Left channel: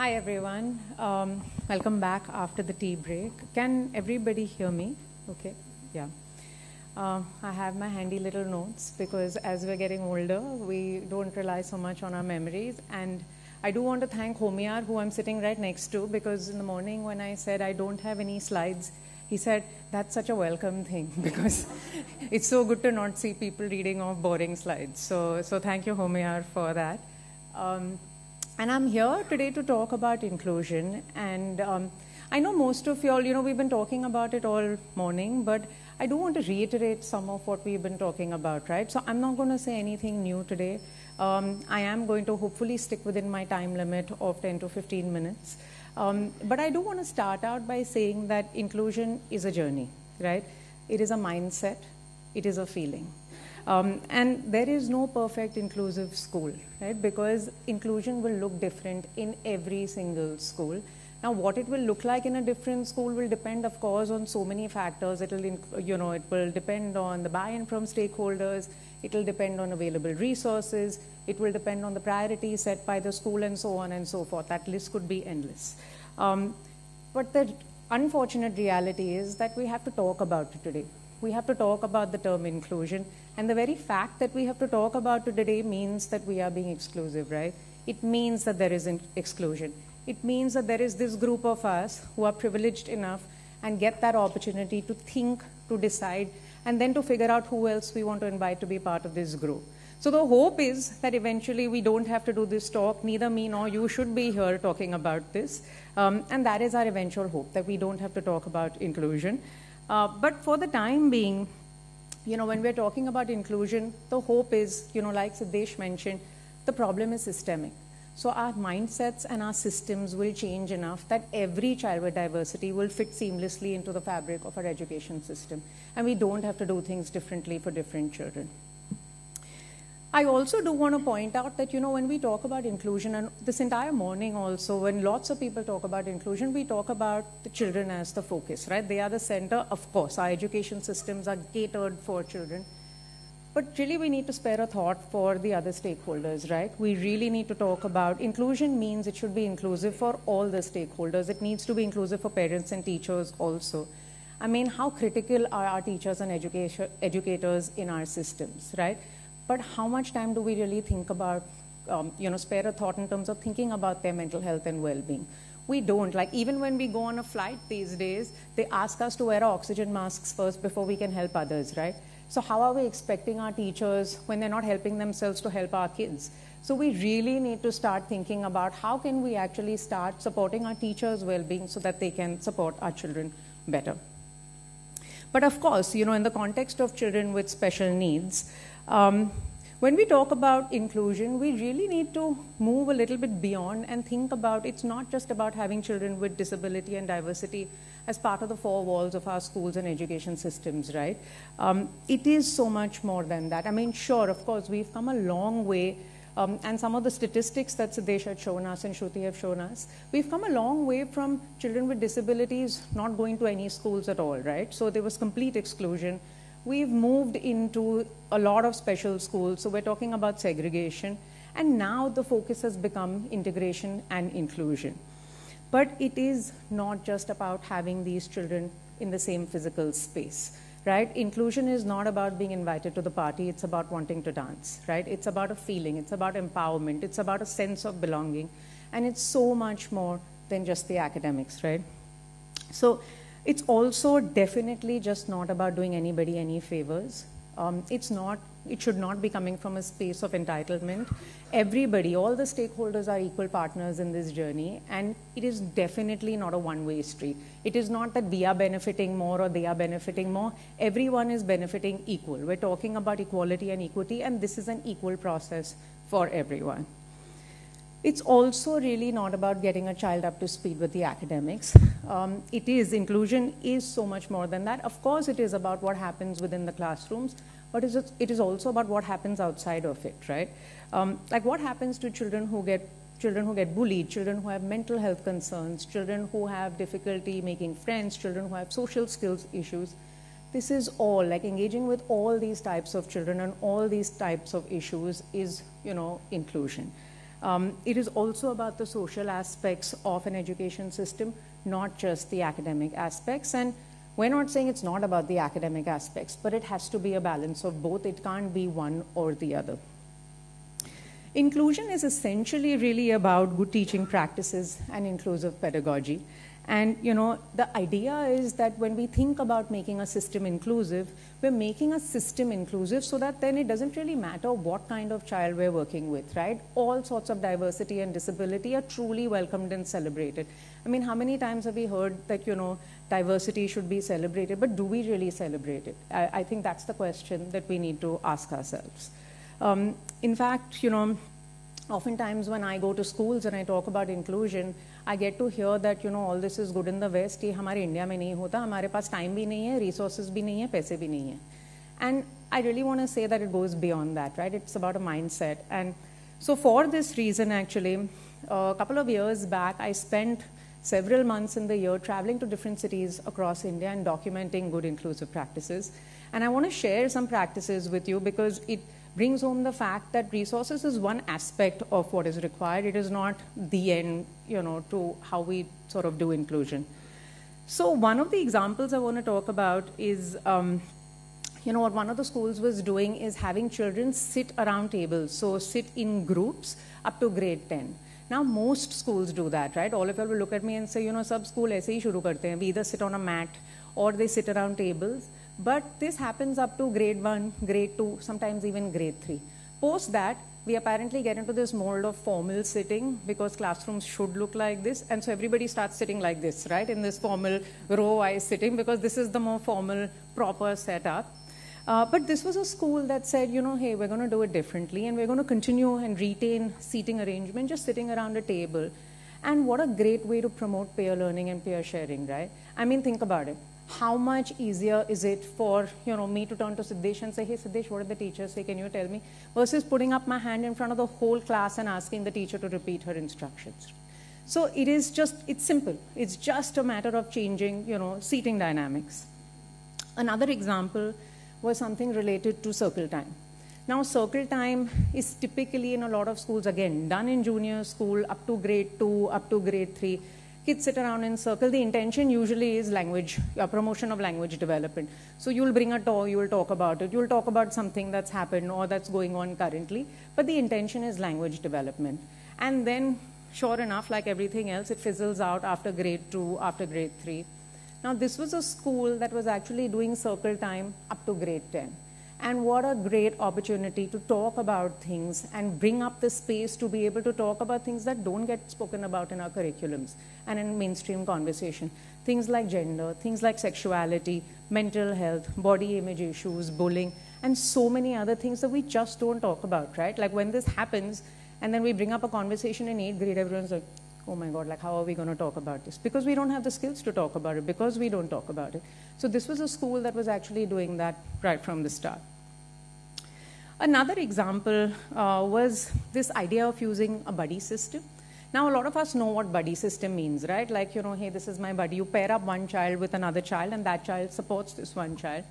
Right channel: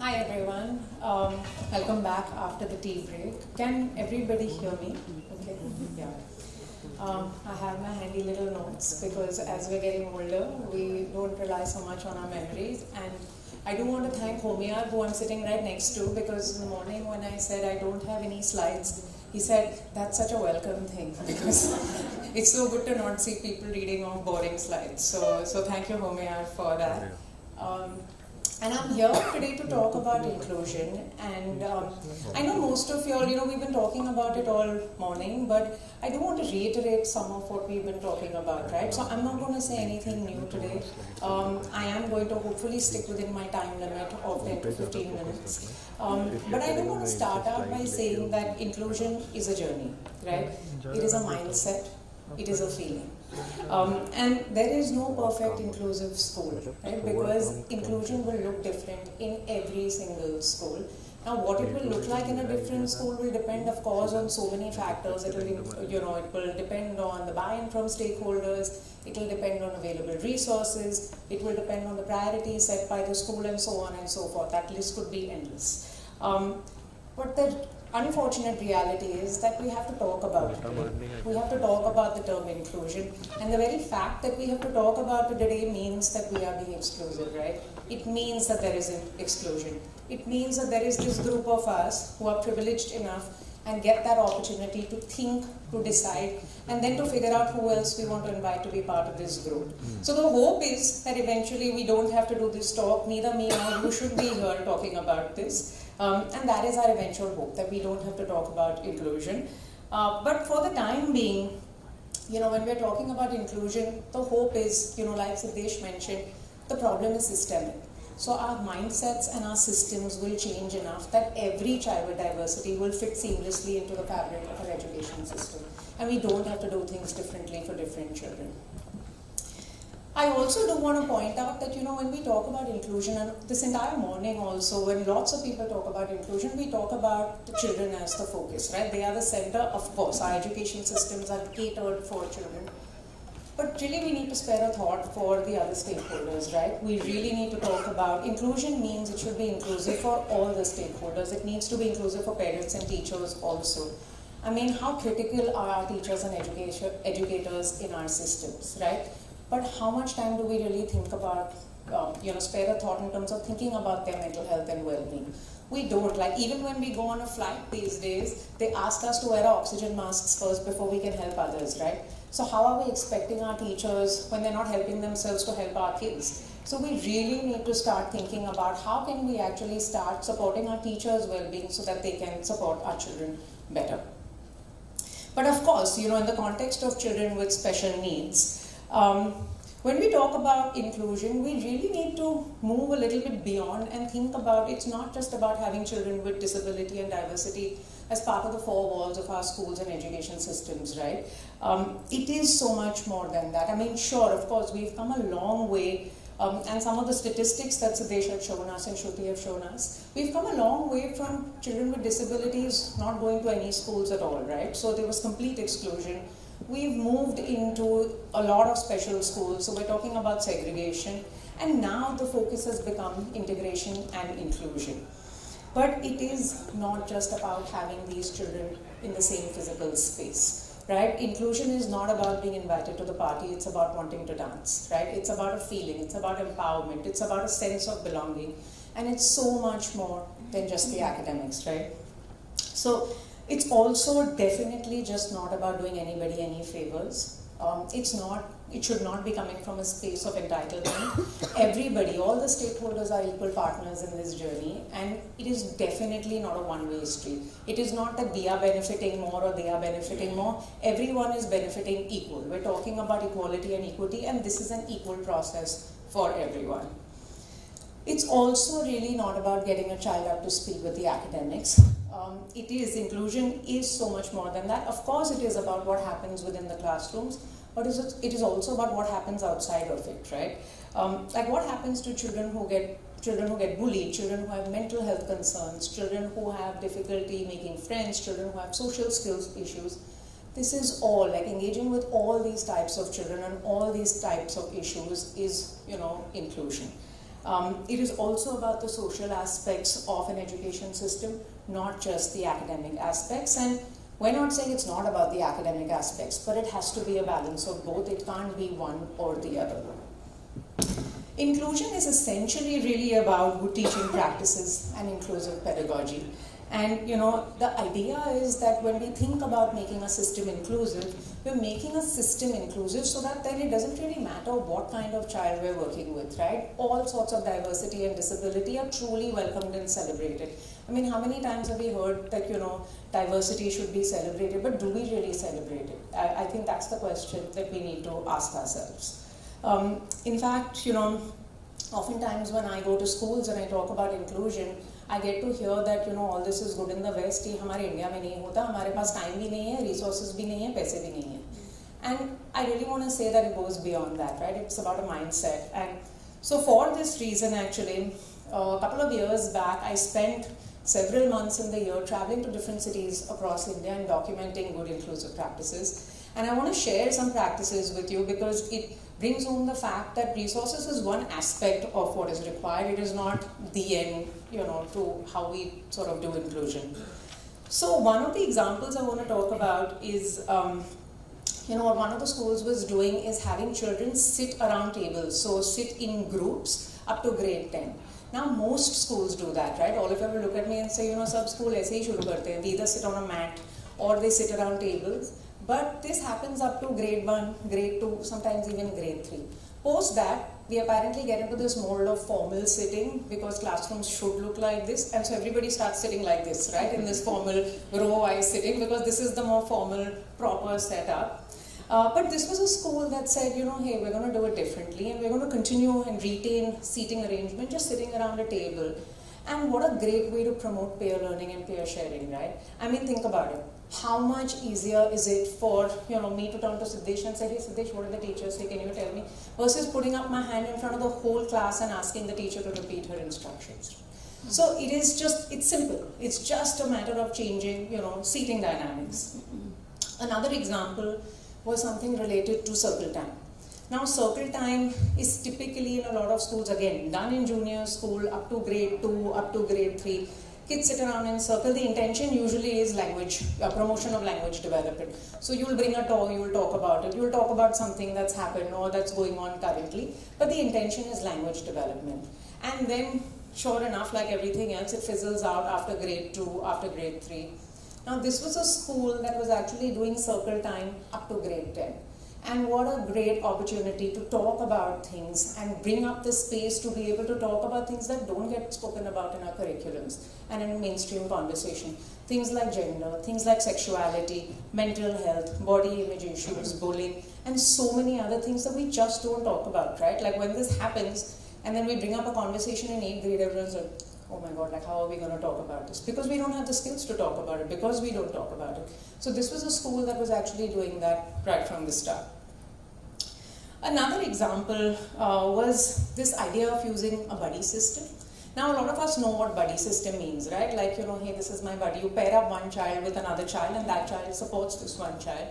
Hi everyone, welcome back after the tea break. Can everybody hear me? Okay, yeah. I have my handy little notes because as we're getting older, we don't rely so much on our memories. And I do want to thank Homiyar, who I'm sitting right next to, because in the morning when I said I don't have any slides, he said that's such a welcome thing because it's so good to not see people reading off boring slides. So thank you, Homiyar, for that. And I'm here today to talk about inclusion. And I know most of you all, we've been talking about it all morning, but I do want to reiterate some of what we've been talking about, right? So I'm not going to say anything new today. I am going to hopefully stick within my time limit of 10 to 15 minutes. But I do want to start out by saying that inclusion is a journey, right? It is a mindset. It is a feeling. And there is no perfect inclusive school, right? Because inclusion will look different in every single school. Now, what it will look like in a different school will depend, of course, on so many factors. It will depend on the buy-in from stakeholders. It will depend on available resources. It will depend on the priorities set by the school, and so on and so forth. That list could be endless. But the unfortunate reality is that we have to talk about it today. We have to talk about the term inclusion, and the very fact that we have to talk about it today means that we are being exclusive, right? It means that there is an exclusion. It means that there is this group of us who are privileged enough and get that opportunity to think, to decide, and then to figure out who else we want to invite to be part of this group. So the hope is that eventually we don't have to do this talk, neither me nor you should be here talking about this. And that is our eventual hope, that we don't have to talk about inclusion. But for the time being, when we're talking about inclusion, the hope is, like Siddesh mentioned, the problem is systemic. So our mindsets and our systems will change enough that every child with diversity will fit seamlessly into the fabric of our education system. And we don't have to do things differently for different children. I also do want to point out that, when we talk about inclusion, and this entire morning also, when lots of people talk about inclusion, we talk about the children as the focus, right? They are the center, of course. Our education systems are catered for children. But really, we need to spare a thought for the other stakeholders, right? We really need to talk about inclusion means it should be inclusive for all the stakeholders. It needs to be inclusive for parents and teachers also. I mean, how critical are our teachers and educators in our systems, right? But how much time do we really think about, spare a thought in terms of thinking about their mental health and well-being? We don't. Like, even when we go on a flight these days, they ask us to wear our oxygen masks first before we can help others, right? So how are we expecting our teachers, when they're not helping themselves, to help our kids? So we really need to start thinking about how can we actually start supporting our teachers' well-being so that they can support our children better. But of course, in the context of children with special needs, when we talk about inclusion, we really need to move a little bit beyond and think about it's not just about having children with disability and diversity as part of the four walls of our schools and education systems, right? It is so much more than that. I mean, sure, of course, we've come a long way, and some of the statistics that Siddesh had shown us and Shruti have shown us, we've come a long way from children with disabilities not going to any schools at all, right? So there was complete exclusion. We've moved into a lot of special schools, so we're talking about segregation, and now the focus has become integration and inclusion. But it is not just about having these children in the same physical space, right? Inclusion is not about being invited to the party, it's about wanting to dance, right? It's about a feeling, it's about empowerment, it's about a sense of belonging, and it's so much more than just the academics, right? So it's also definitely just not about doing anybody any favors. It should not be coming from a space of entitlement. Everybody, all the stakeholders are equal partners in this journey, and it is definitely not a one-way street. It is not that we are benefiting more or they are benefiting more. Everyone is benefiting equal. We're talking about equality and equity, and this is an equal process for everyone. It's also really not about getting a child up to speed with the academics. Inclusion is so much more than that. Of course, it is about what happens within the classrooms, but it is also about what happens outside of it, right? Like what happens to children who get bullied, children who have mental health concerns, children who have difficulty making friends, children who have social skills issues. This is all, like engaging with all these types of children and all these types of issues is, inclusion. It is also about the social aspects of an education system, not just the academic aspects. And we're not saying it's not about the academic aspects, but it has to be a balance of both. It can't be one or the other. Inclusion is essentially really about good teaching practices and inclusive pedagogy. And the idea is that when we think about making a system inclusive, we're making a system inclusive so that then it doesn't really matter what kind of child we're working with, right? All sorts of diversity and disability are truly welcomed and celebrated. I mean, how many times have we heard that, diversity should be celebrated, but do we really celebrate it? I think that's the question that we need to ask ourselves. In fact, oftentimes when I go to schools and I talk about inclusion, I get to hear that all this is good in the West कि हमारे India में नहीं होता, हमारे पास time भी नहीं है, resources भी नहीं है, पैसे भी नहीं है. And I really want to say that it goes beyond that, right? It's about a mindset. And so for this reason, actually, a couple of years back, I spent several months in the year traveling to different cities across India and documenting good inclusive practices. And I want to share some practices with you because it brings home the fact that resources is one aspect of what is required. It is not the end, to how we sort of do inclusion. So one of the examples I want to talk about is, what one of the schools was doing is having children sit around tables. So sit in groups up to grade 10. Now most schools do that, right? All of you will look at me and say, sab school aise hi shuru karte hain. We either sit on a mat or they sit around tables. But this happens up to grade 1, grade 2, sometimes even grade 3. Post that, we apparently get into this mold of formal sitting because classrooms should look like this, and so everybody starts sitting like this, right, in this formal row-wise sitting because this is the more formal, proper setup. But this was a school that said, hey, we're going to do it differently and we're going to continue and retain seating arrangement, just sitting around a table. And what a great way to promote peer learning and peer sharing, right? I mean, think about it. How much easier is it for me to turn to Siddesh and say, hey Siddesh, what did the teacher say, can you tell me? Versus putting up my hand in front of the whole class and asking the teacher to repeat her instructions. So it's simple. It's just a matter of changing, seating dynamics. Another example was something related to circle time. Now circle time is typically in a lot of schools, again, done in junior school up to grade 2, up to grade 3. Kids sit around in circle. The intention usually is language, promotion of language development. So you will bring a toy, you will talk about it, you will talk about something that's happened or that's going on currently, but the intention is language development. And then, sure enough, like everything else, it fizzles out after grade 2, after grade 3. Now this was a school that was actually doing circle time up to grade 10. And what a great opportunity to talk about things and bring up the space to be able to talk about things that don't get spoken about in our curriculums and in mainstream conversation. Things like gender, things like sexuality, mental health, body image issues, bullying, and so many other things that we just don't talk about, right? Like when this happens and then we bring up a conversation in 8th grade, everyone's like, oh my God, like how are we going to talk about this? Because we don't have the skills to talk about it, because we don't talk about it. So this was a school that was actually doing that right from the start. Another example was this idea of using a buddy system. Now a lot of us know what buddy system means, right? Like, hey, this is my buddy. You pair up one child with another child and that child supports this one child.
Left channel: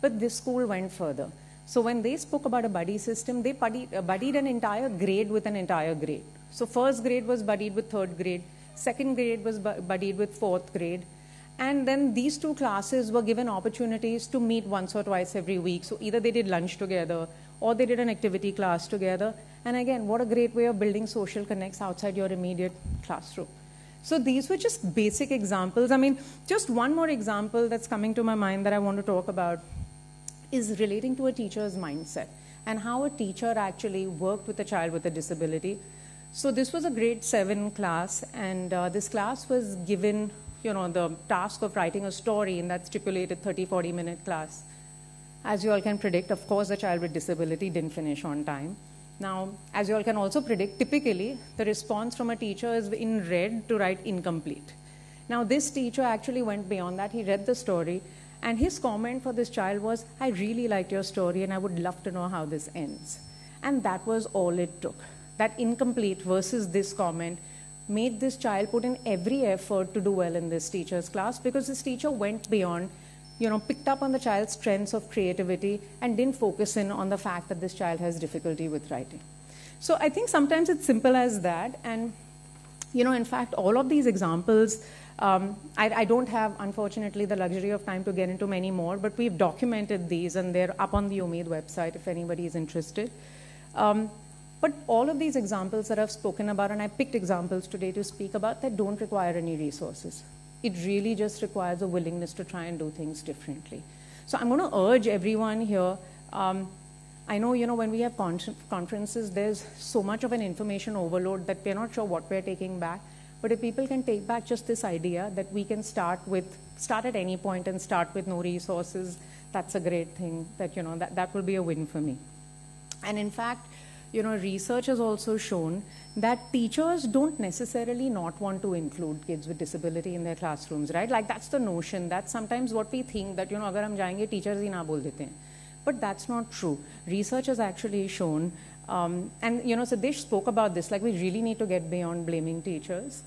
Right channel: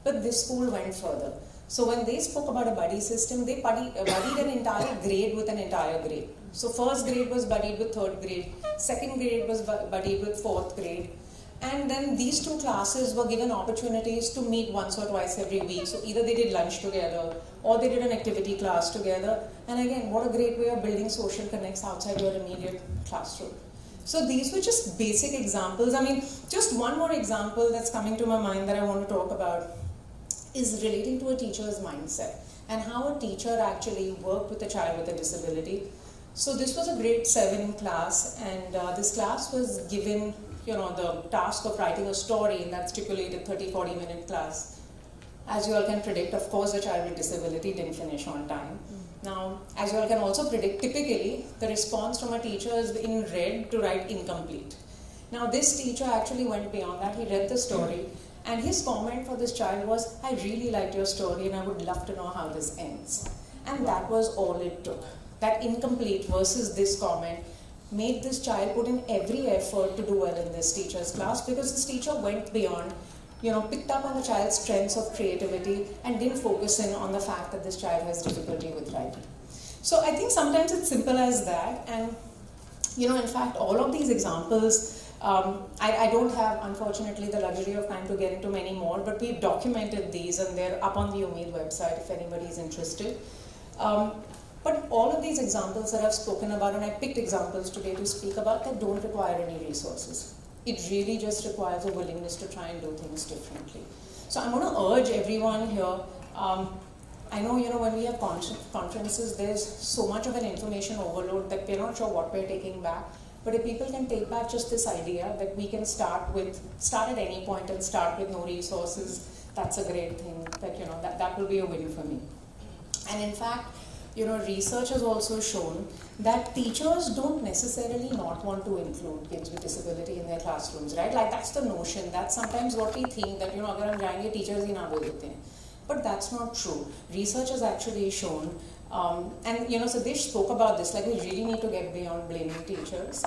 But this school went further. So when they spoke about a buddy system, they buddied an entire grade with an entire grade. So first grade was buddied with third grade, second grade was buddied with fourth grade. And then these two classes were given opportunities to meet once or twice every week. So either they did lunch together or they did an activity class together. And again, what a great way of building social connects outside your immediate classroom. So these were just basic examples. I mean, just one more example that's coming to my mind that I want to talk about is relating to a teacher's mindset and how a teacher actually worked with a child with a disability. So this was a grade 7 class, and this class was given the task of writing a story in that stipulated 30-40 minute class. As you all can predict, of course, a child with disability didn't finish on time. Now, as you all can also predict, typically the response from a teacher is in red to write incomplete. Now, this teacher actually went beyond that. He read the story, and his comment for this child was, I really like your story and I would love to know how this ends. And that was all it took. That incomplete versus this comment made this child put in every effort to do well in this teacher's class, because this teacher went beyond, picked up on the child's strengths of creativity and didn't focus in on the fact that this child has difficulty with writing. So I think sometimes it's simple as that, and in fact, all of these examples, I don't have, unfortunately, the luxury of time to get into many more, but we've documented these and they're up on the Ummeed website if anybody is interested. But all of these examples that I've spoken about, and I picked examples today to speak about, that don't require any resources. It really just requires a willingness to try and do things differently. So I'm going to urge everyone here. I know, when we have conferences, there's so much of an information overload that we're not sure what we're taking back. But if people can take back just this idea that we can start at any point and start with no resources, that's a great thing. That will be a win for me. And in fact, research has also shown that teachers don't necessarily not want to include kids with disability in their classrooms, right? Like, that's the notion. That's sometimes what we think, that, agar hum jayenge, teachers hi na bol dete hain. But that's not true. Research has actually shown, and Sadesh spoke about this, like, we really need to get beyond blaming teachers,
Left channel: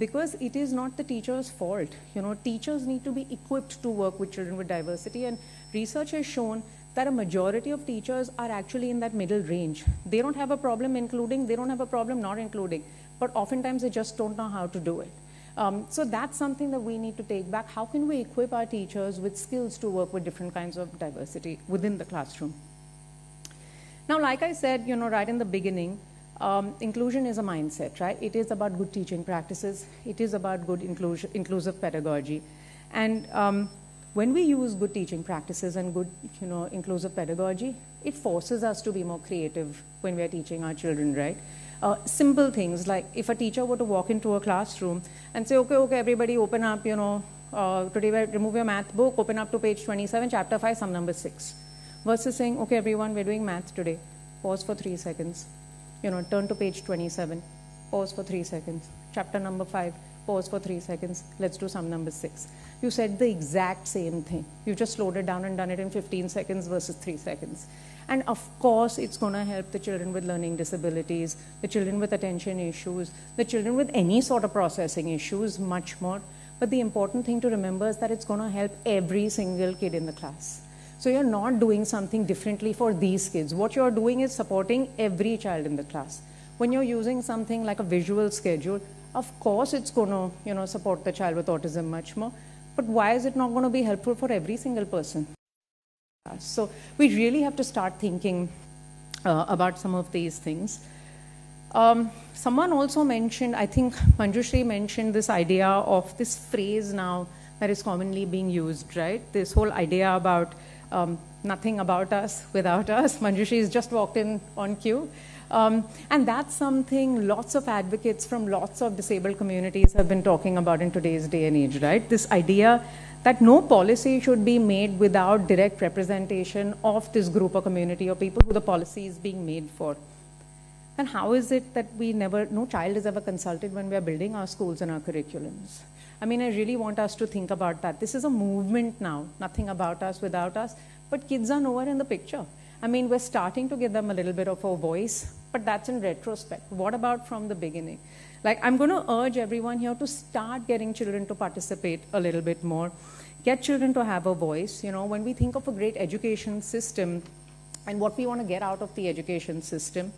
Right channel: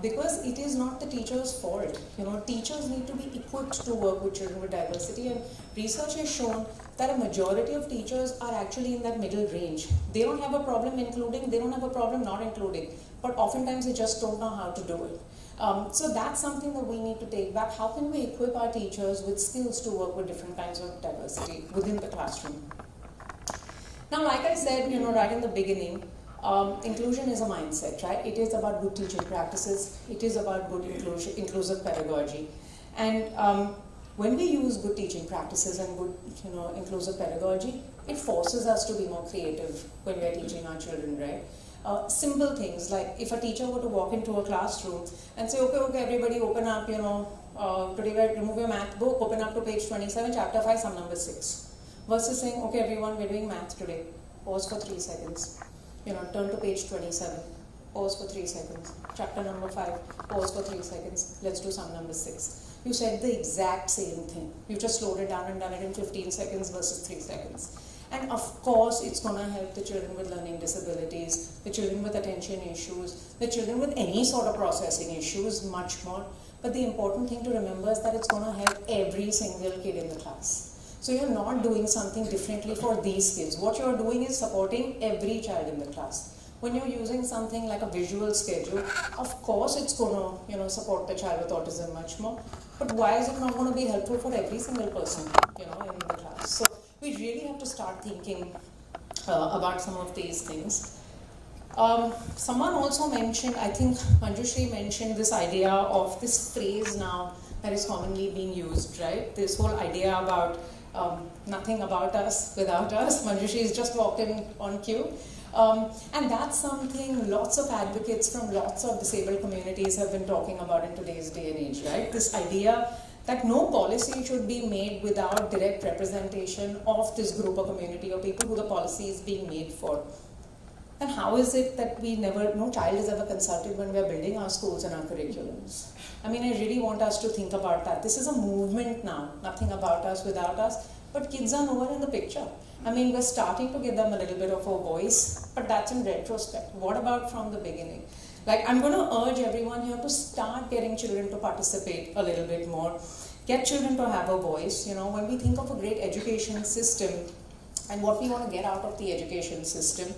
because it is not the teacher's fault. Teachers need to be equipped to work with children with diversity, and research has shown that a majority of teachers are actually in that middle range. They don't have a problem including, they don't have a problem not including, but oftentimes they just don't know how to do it. So that's something that we need to take back. How can we equip our teachers with skills to work with different kinds of diversity within the classroom? Now, like I said, right in the beginning, inclusion is a mindset, right? It is about good teaching practices. It is about good inclusive pedagogy. And when we use good teaching practices and good, inclusive pedagogy, it forces us to be more creative when we're teaching our children, right? Simple things like if a teacher were to walk into a classroom and say, okay, everybody open up, today we remove your math book, open up to page 27, chapter 5, sum number 6. Versus saying, okay, everyone, we're doing math today. Pause for 3 seconds. Turn to page 27. Pause for 3 seconds. Chapter number 5. Pause for 3 seconds. Let's do sum number 6. You said the exact same thing. You just slowed it down and done it in 15 seconds versus 3 seconds. And of course, it's going to help the children with learning disabilities, the children with attention issues, the children with any sort of processing issues, much more. But the important thing to remember is that it's going to help every single kid in the class. So you're not doing something differently for these kids. What you're doing is supporting every child in the class. When you're using something like a visual schedule, of course it's going to, support the child with autism much more. But why is it not going to be helpful for every single person, in the class? So we really have to start thinking about some of these things. Someone also mentioned, I think Manjushri mentioned this idea of this phrase now that is commonly being used, right? This whole idea about nothing about us without us. Manjushri has just walked in on cue. And that's something lots of advocates from lots of disabled communities have been talking about in today's day and age, right? This idea that no policy should be made without direct representation of this group or community or people who the policy is being made for. And how is it that no child is ever consulted when we are building our schools and our curriculums? I mean, I really want us to think about that. This is a movement now, nothing about us without us, but kids are nowhere in the picture. I mean, we're starting to give them a little bit of a voice, but that's in retrospect. What about from the beginning? Like, I'm going to urge everyone here to start getting children to participate a little bit more. Get children to have a voice. When we think of a great education system and what we want to get out of the education system,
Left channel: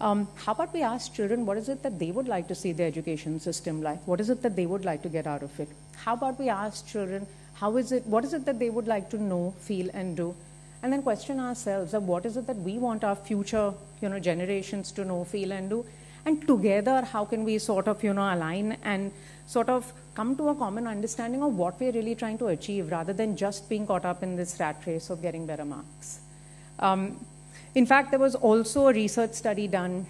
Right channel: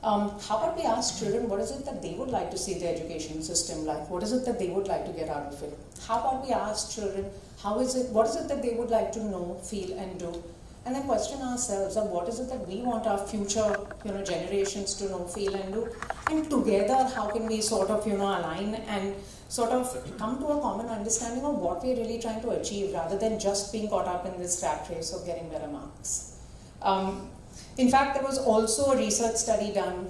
how about we ask children what is it that they would like to see the education system like? What is it that they would like to get out of it? How about we ask children what is it that they would like to know, feel, and do? And then question ourselves of what is it that we want our future generations to know, feel, and do? And together, how can we sort of align and sort of come to a common understanding of what we're really trying to achieve rather than just being caught up in this rat race of getting better marks. In fact, there was also a research study done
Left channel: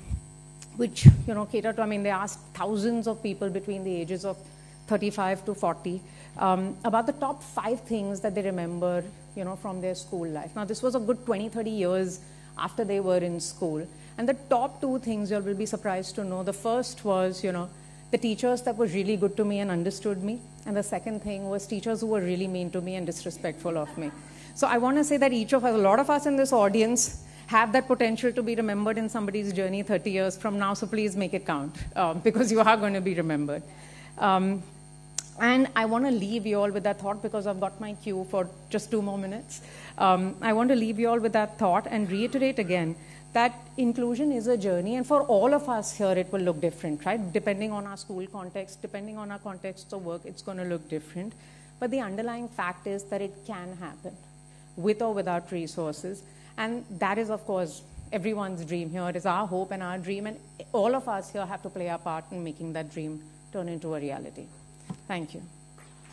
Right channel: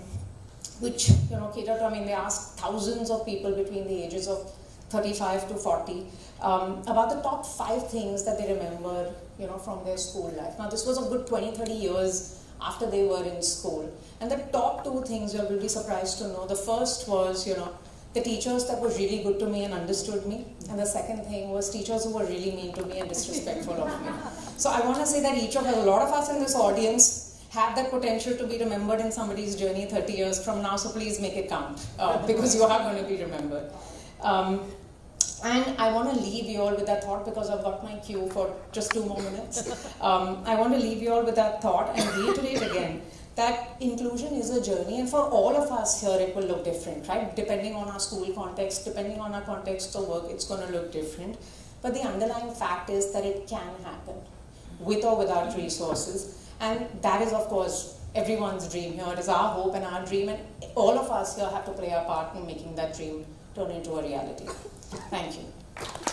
which catered to, they asked thousands of people between the ages of 35 to 40 about the top 5 things that they remembered from their school life. Now, this was a good 20-30 years after they were in school. And the top 2 things you will be surprised to know. The first was, the teachers that were really good to me and understood me. And the second thing was teachers who were really mean to me and disrespectful of me. So I want to say that a lot of us in this audience have that potential to be remembered in somebody's journey 30 years from now. So please make it count because you are going to be remembered. And I want to leave you all with that thought because I've got my cue for just 2 more minutes. I want to leave you all with that thought and reiterate again that inclusion is a journey, and for all of us here it will look different, right? Depending on our school context, depending on our context of work, it's going to look different. But the underlying fact is that it can happen, with or without resources. And that is, of course, everyone's dream here. It is our hope and our dream, and all of us here have to play our part in making that dream turn into a reality. Thank you.